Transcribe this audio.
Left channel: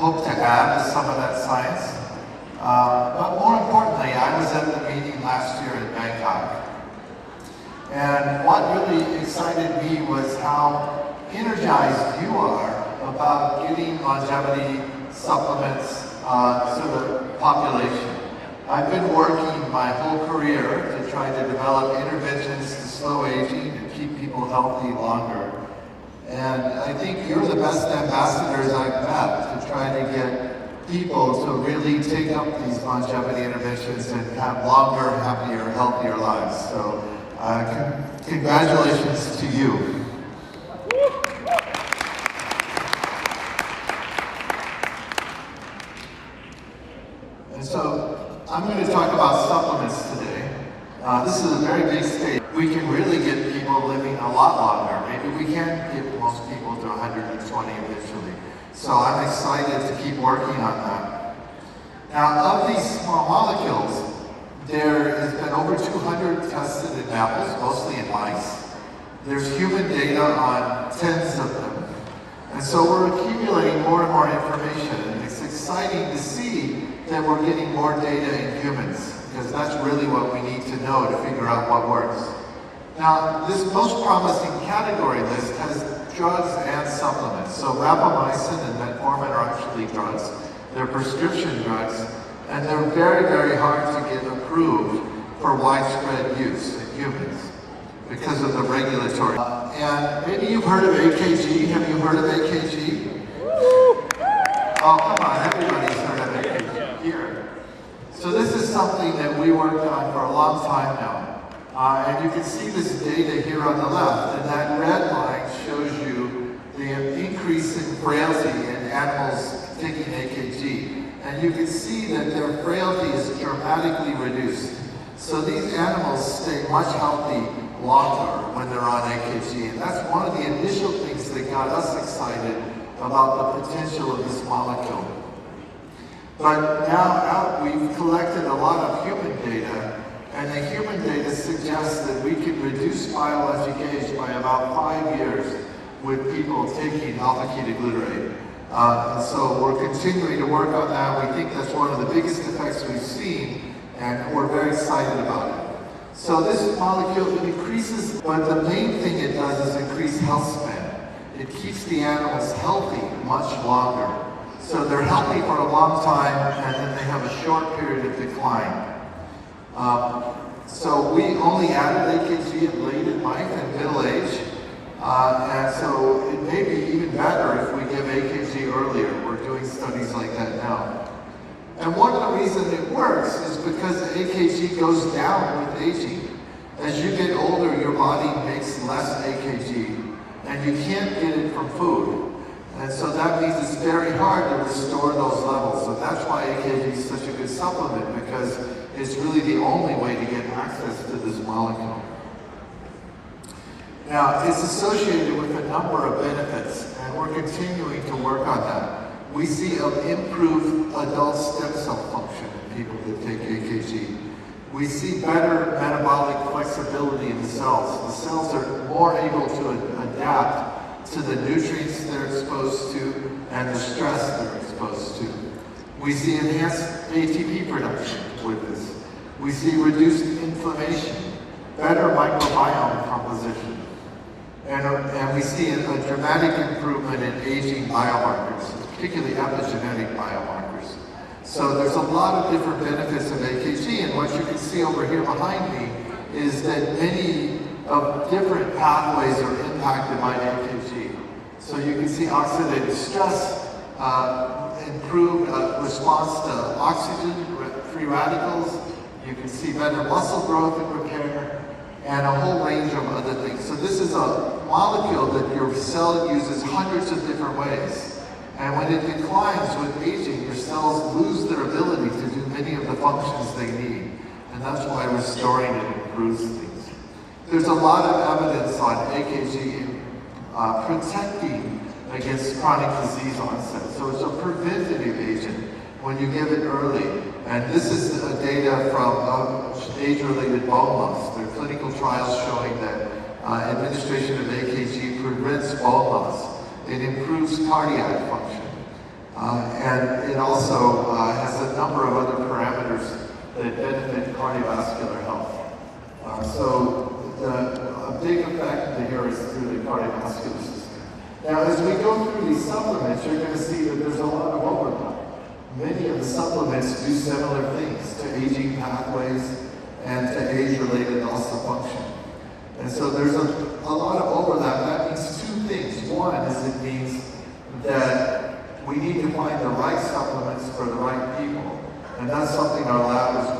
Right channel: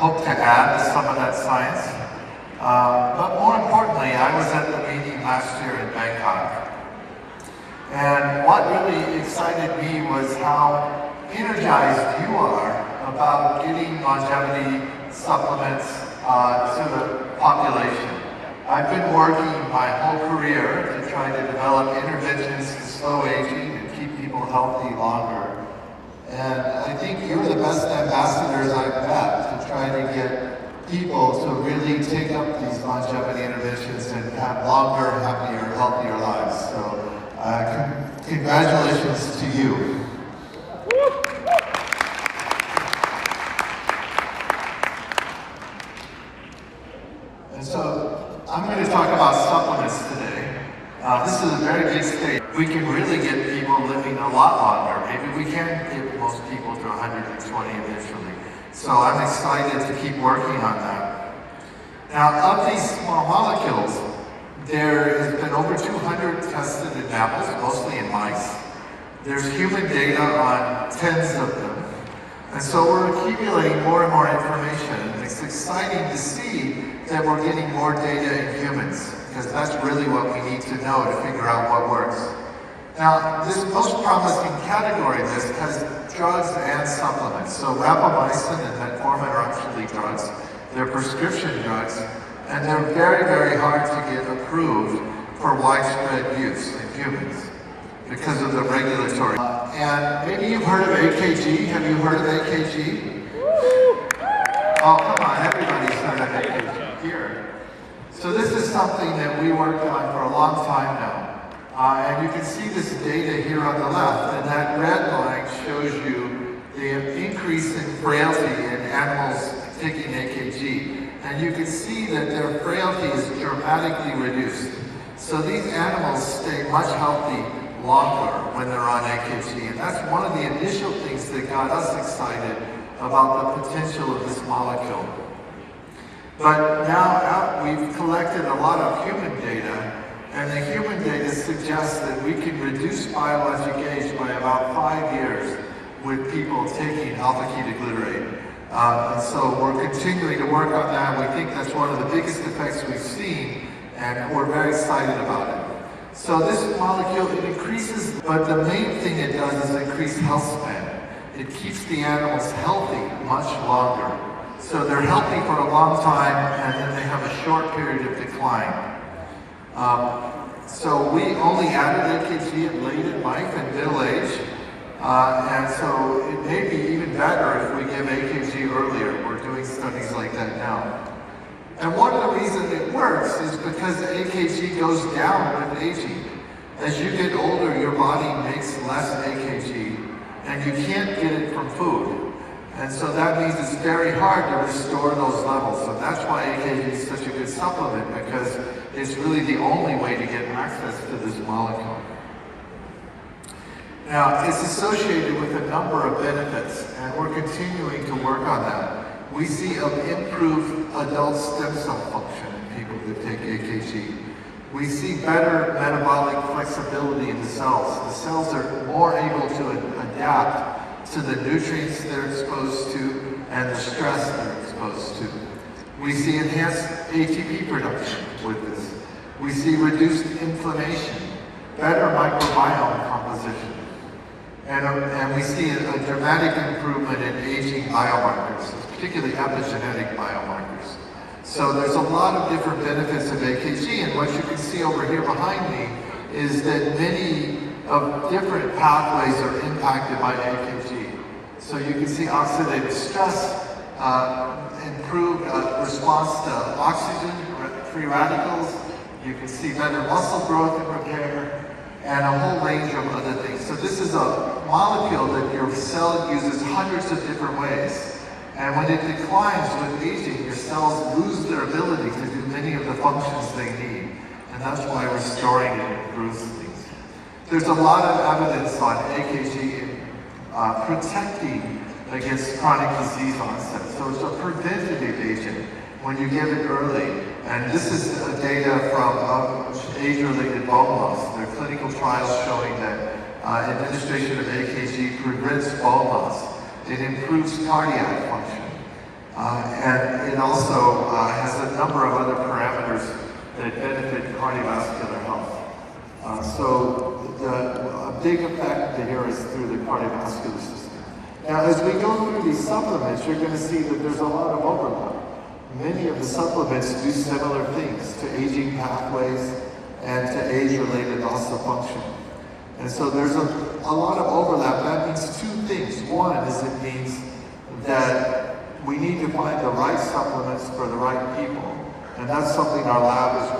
hope to add some of that science. But more importantly, I was at the meeting last year in Bangkok. And what really excited me was how energized you are about getting longevity supplements to the population. I've been working my whole career to try to develop interventions to slow aging and keep people healthy longer. And I think you're the best ambassadors I've met to try to get people to really take up these longevity interventions and have longer, happier, healthier lives. So congratulations to you. And so I'm going to talk about supplements today. This is a very big stage. We can really get people living a lot longer. Maybe we can get most people to 120 eventually. So I'm excited to keep working on that. Now, of these small molecules, there has been over 200 tested in mammals, mostly in mice. There's human data on tens of them. And so we're accumulating more and more information. It's exciting to see that we're getting more data in humans, because that's really what we need to know to figure out what works. Now, this most promising category list has drugs and supplements. So rapamycin and metformin are actually drugs. They're prescription drugs, and they're very, very hard to get approved for widespread use in humans because of the regulatory. And maybe you've heard of AKG. Have you heard of AKG? Oh, come on, everybody's heard of AKG here. So this is something that we worked on for a long time now. And you can see this data here on the left, and that red line shows you the increase in frailty in animals taking AKG. And you can see that their frailty is dramatically reduced. So these animals stay much healthy longer when they're on AKG. And that's one of the initial things that got us excited about the potential of this molecule. But now we've collected a lot of human data, and the human data suggests that we can reduce biologic age by about 5 years with people taking alpha-ketoglutarate. And so we're continuing to work on that. We think that's one of the biggest effects we've seen, and we're very excited about it. So this molecule, it increases, but the main thing it does is increase health span. It keeps the animals healthy much longer. So they're healthy for a long time, and then they have a short period of decline. So we only added AKG at late in life and middle age. And so it may be even better if we give AKG earlier. We're doing studies like that now. And one of the reasons it works is because AKG goes down with aging. As you get older, your body makes less AKG, and you can't get it from food. And so that means it's very hard to restore those levels. So that's why AKG is such a good supplement, because it's really the only way to get access to this molecule. Now, it's associated with a number of benefits, and we're continuing to work on that. We see an improved adult stem cell function in people who take AKG. We see better metabolic flexibility in the cells. The cells are more able to adapt to the nutrients they're exposed to and the stress they're exposed to. We see enhanced ATP production with this. We see reduced inflammation, better microbiome composition. And we see a dramatic improvement in aging biomarkers, particularly epigenetic biomarkers. So there's a lot of different benefits of AKG, and what you can see over here behind me is that many of different pathways are impacted by AKG. So you can see oxidative stress, improved response to oxygen, free radicals. You can see better muscle growth and repair, and a whole range of other things. So this is a molecule that your cell uses hundreds of different ways. And when it declines with aging, your cells lose their ability to do many of the functions they need. And that's why restoring it improves things. There's a lot of evidence on AKG protecting against chronic disease onset. So it's a preventative agent when you give it early. And this is data from age-related bone loss. There are clinical trials showing that administration of AKG prevents bone loss. It improves cardiac function. And big effect here is through the cardiovascular system. Now, as we go through these supplements, you're going to see that there's a lot of overlap. Many of the supplements do similar things to aging pathways and to age-related loss of function. And so there's a lot of overlap. That means two things. One is it means that we need to find the right supplements for the right people. And that's something our lab is